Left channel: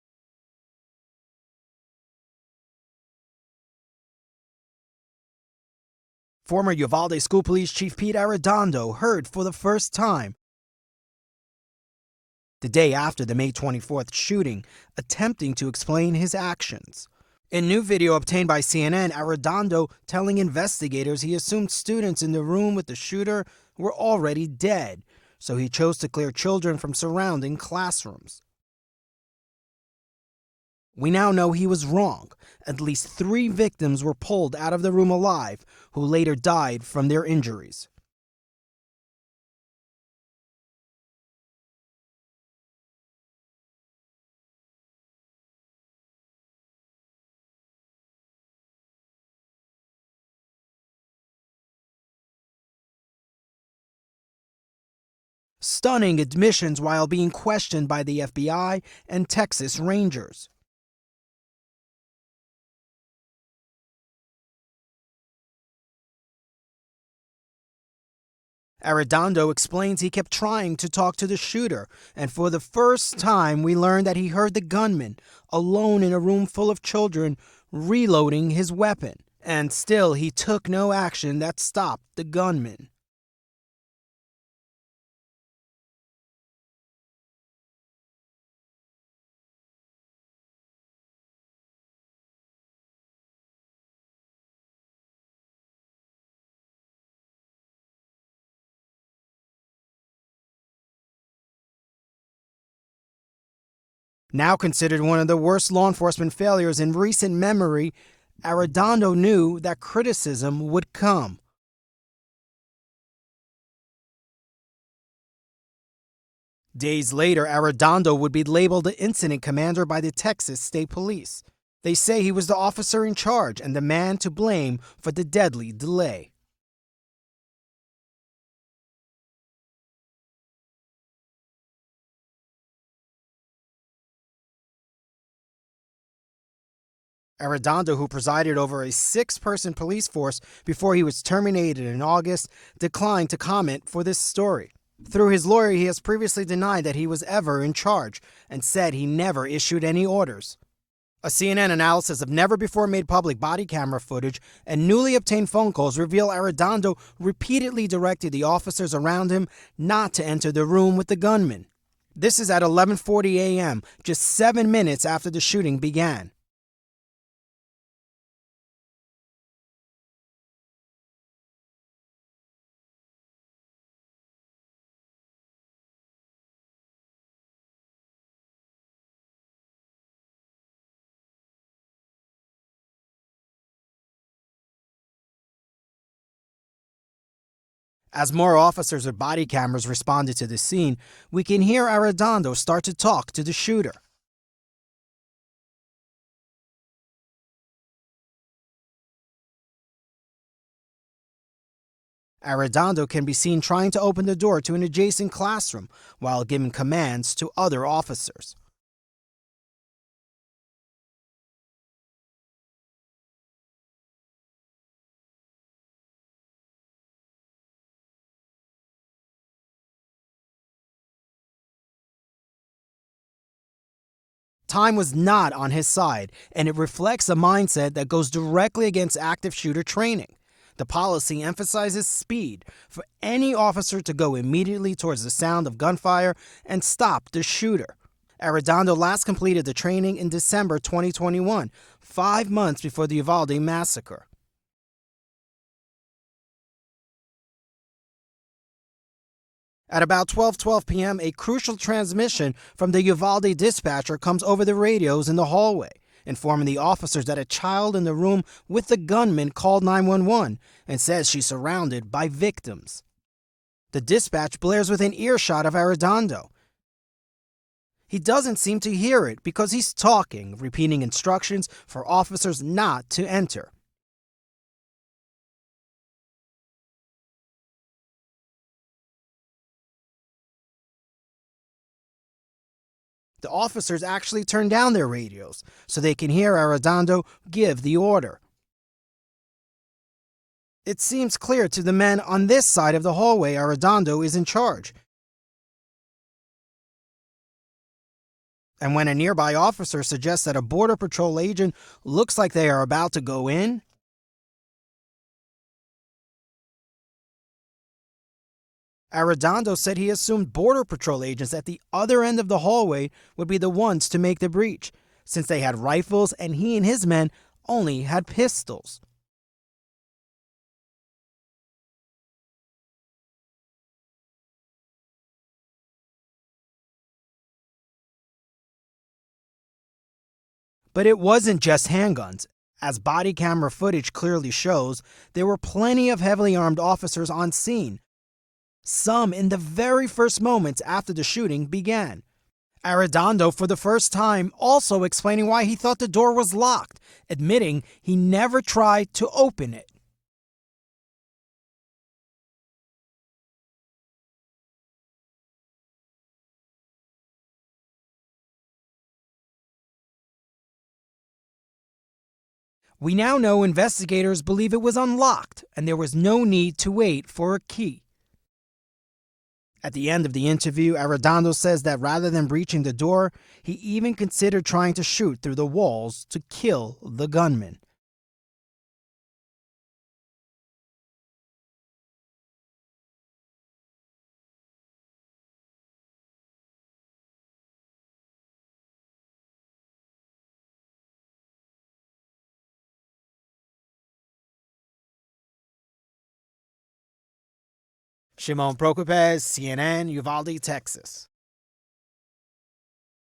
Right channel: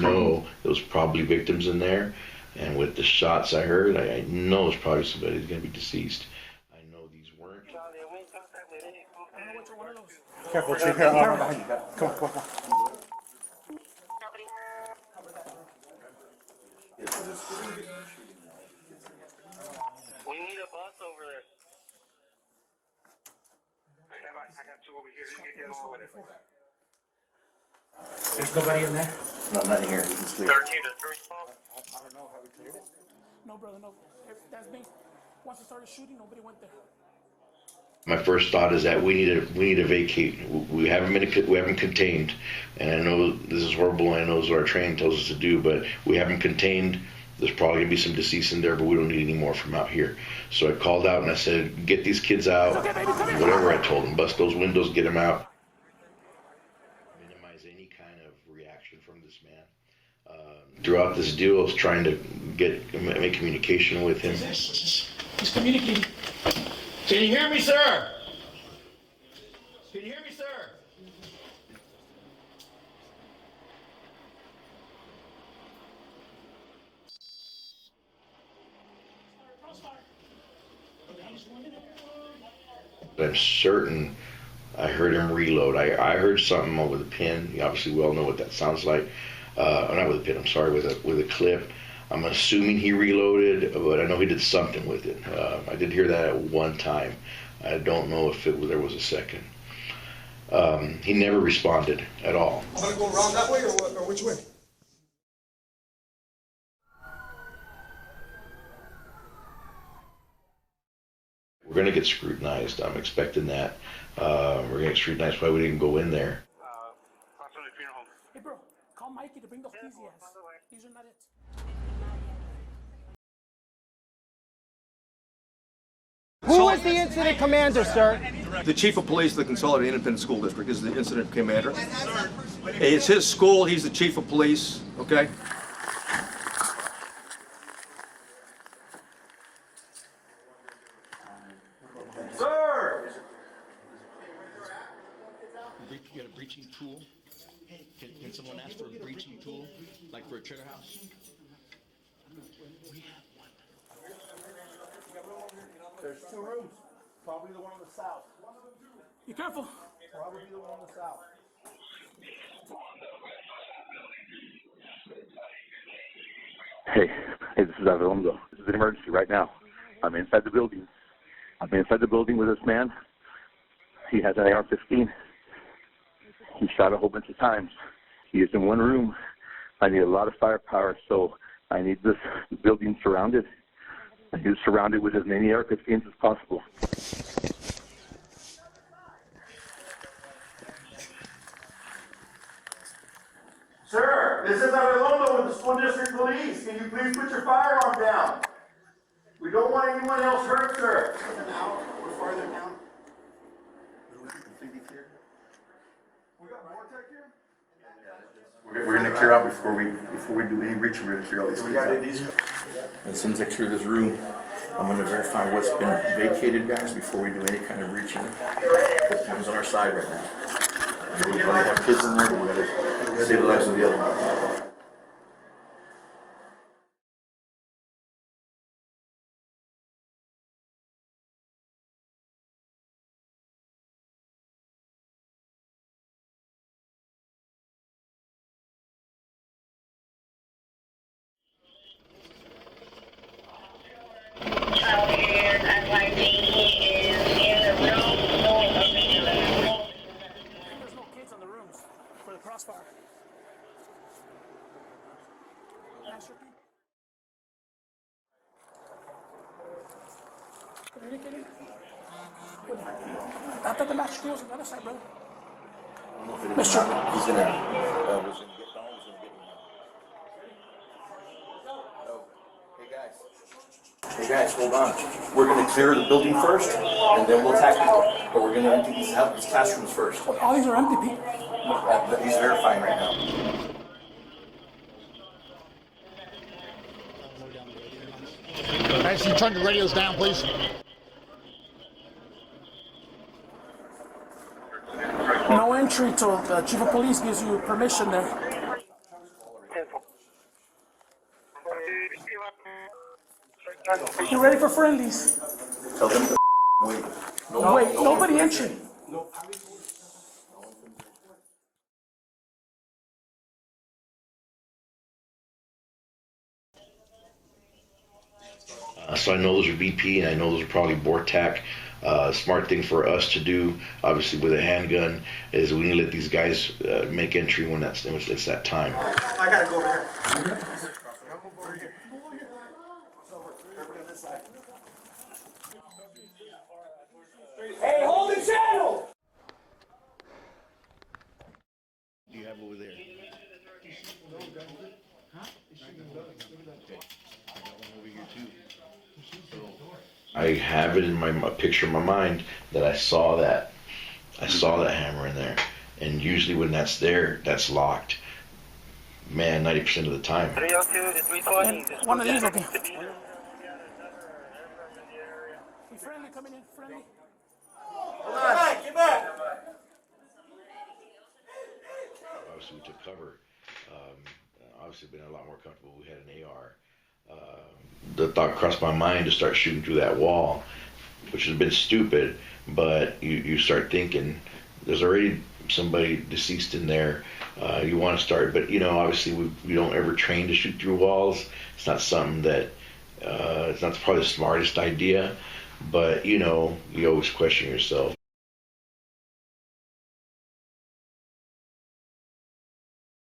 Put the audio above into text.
know there was probably victims in there. And with the shots I heard, I know it's probably somebody who's going to be deceased. Former Uvalde School Police Chief Pete Arredondo heard for the first time the day after the May 24th shooting, attempting to explain his actions. In new video obtained by CNN, Arredondo telling investigators he assumed students in the room with the shooter were already dead, so he chose to clear children from surrounding classrooms. There's nobody in there? No, not in here. We now know he was wrong. At least 3 victims were pulled out of the room alive, who later died from their injuries. My first thought is that we need to vacate. We haven't contained, and I know this is horrible. And I know this is what our training tells us to do, but we haven't contained. There's probably gonna be some deceased in there, but we don't need any more from out here. So I called out and I said, "Get these kids out." Whatever I told them, bust those windows, get them out. Stunning admissions while being questioned by the FBI and Texas Rangers. Throughout this deal, I was trying to make communication with him. He's communicating. Can you hear me, sir? Arredondo explains he kept trying to talk to the shooter, and for the first time we learned that he heard the gunman, alone in a room full of children, reloading his weapon. And still, he took no action that stopped the gunman. I'm certain I heard him reload. I heard something over the pin. Obviously, we all know what that sounds like. Not with a pin, I'm sorry, with a clip. I'm assuming he reloaded, but I know he did something with it. I did hear that at one time. I don't know if there was a second. He never responded at all. I'm gonna go around that way or which way? Now considered one of the worst law enforcement failures in recent memory, Arredondo knew that criticism would come. We're going to get scrutinized. I'm expecting that. We're going to get scrutinized why we didn't go in there. Days later, Arredondo would be labeled the incident commander by the Texas State Police. They say he was the officer in charge and the man to blame for the deadly delay. Who was the incident commander, sir? The chief of police of the Consolidated Independent School District is the incident commander. It's his school. He's the chief of police, okay? Arredondo, who presided over a 6-person police force before he was terminated in August, declined to comment for this story. Through his lawyer, he has previously denied that he was ever in charge and said he never issued any orders. A CNN analysis of never-before-made public body camera footage and newly obtained phone calls reveal Arredondo repeatedly directed the officers around him not to enter the room with the gunman. This is at 11:40 a.m., just 7 minutes after the shooting began. Hey, this is Arredondo. This is an emergency right now. I'm inside the building. I'm inside the building with this man. He has an AR-15. He shot a whole bunch of times. He is in one room. I need a lot of firepower, so I need this building surrounded. I need it surrounded with as many AR-15s as possible. As more officers with body cameras responded to the scene, we can hear Arredondo start to talk to the shooter. Sir, this is Arredondo with the school district police. Can you please put your firearm down? We don't want anyone else hurt, sir. Arredondo can be seen trying to open the door to an adjacent classroom while giving commands to other officers. We're going to clear out before we do any reach. We're going to clear all these kids out. As soon as I clear this room, I'm going to verify what's been vacated, guys, before we do any kind of reaching. The time's on our side right now. We probably have kids in there, but we're going to save the lives of the other ones. Time was not on his side, and it reflects a mindset that goes directly against active shooter training. The policy emphasizes speed for any officer to go immediately towards the sound of gunfire and stop the shooter. Arredondo last completed the training in December 2021, 5 months before the Uvalde massacre. At about 12:12 p.m., a crucial transmission from the Uvalde dispatcher comes over the radios in the hallway, informing the officers that a child in the room with the gunman called 911 and says she's surrounded by victims. The dispatch blares within earshot of Arredondo. He doesn't seem to hear it because he's talking, repeating instructions for officers not to enter. Hey guys, hold on. We're going to clear the building first, and then we'll tackle it. But we're going to empty these classrooms first. All these are empty, Pete. He's verifying right now. The officers actually turn down their radios so they can hear Arredondo give the order. Guys, can you turn the radios down, please? It seems clear to the men on this side of the hallway Arredondo is in charge. No entry till the chief of police gives you permission there. And when a nearby officer suggests that a Border Patrol agent looks like they are about to go in, You ready for friendlies? Tell them to wait. No, wait, nobody entering. Arredondo said he assumed Border Patrol agents at the other end of the hallway would be the ones to make the breach, since they had rifles and he and his men only had pistols. So I know those are BP, and I know those are probably BORTAC. Smart thing for us to do, obviously with a handgun, is we need to let these guys make entry when it's that time. I gotta go over here. But it wasn't just handguns. As body camera footage clearly shows, there were plenty of heavily armed officers on scene. Some in the very first moments after the shooting began. Arredondo, for the first time, also explaining why he thought the door was locked, admitting he never tried to open it. I have it in my picture in my mind that I saw that hammer in there, and usually when that's there, that's locked. Man, 90% of the time. One of these, okay. We now know investigators believe it was unlocked, and there was no need to wait for a key. At the end of the interview, Arredondo says that rather than breaching the door, he even considered trying to shoot through the walls to kill the gunman. The thought crossed my mind to start shooting through that wall, which has been stupid, but you start thinking, there's already somebody deceased in there. You want to start, but obviously we don't ever train to shoot through walls. It's not something that, it's not probably the smartest idea, but you always question yourself. Shimon Procopez, CNN, Uvalde, Texas.